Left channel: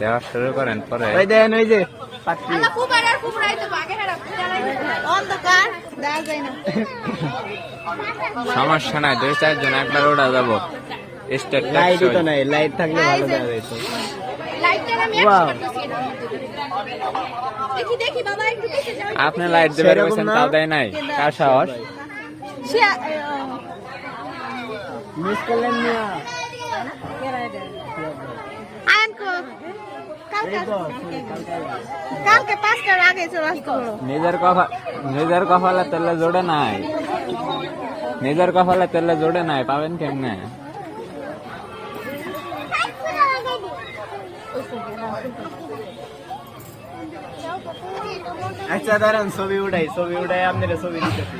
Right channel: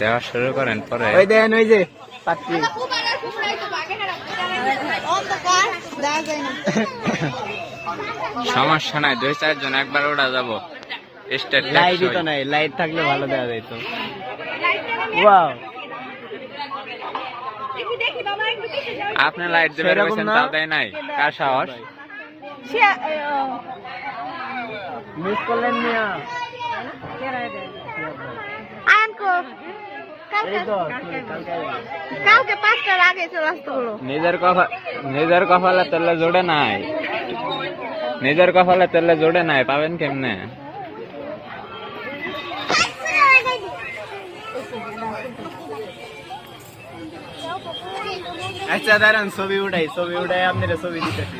দেওয়া শুরু করেন পরে সমস্যা নাই, 2-4 জন একবার ওটা যাবো। লাইট থাকলে ভালো দেওয়া যেত। আপনি লাইট দেবে বলছেন, তাও দেয় নাই। কার সাহস? মিস করলেন না। নিজের কপালে তেলে জোড়ে নাই, নিজের কপালে তেলে জোড়ে নাই, পাবেন কেমনে? আচ্ছা দাঁড়ান, ছবি উঠাই আপনারা ছবি দিতেছি।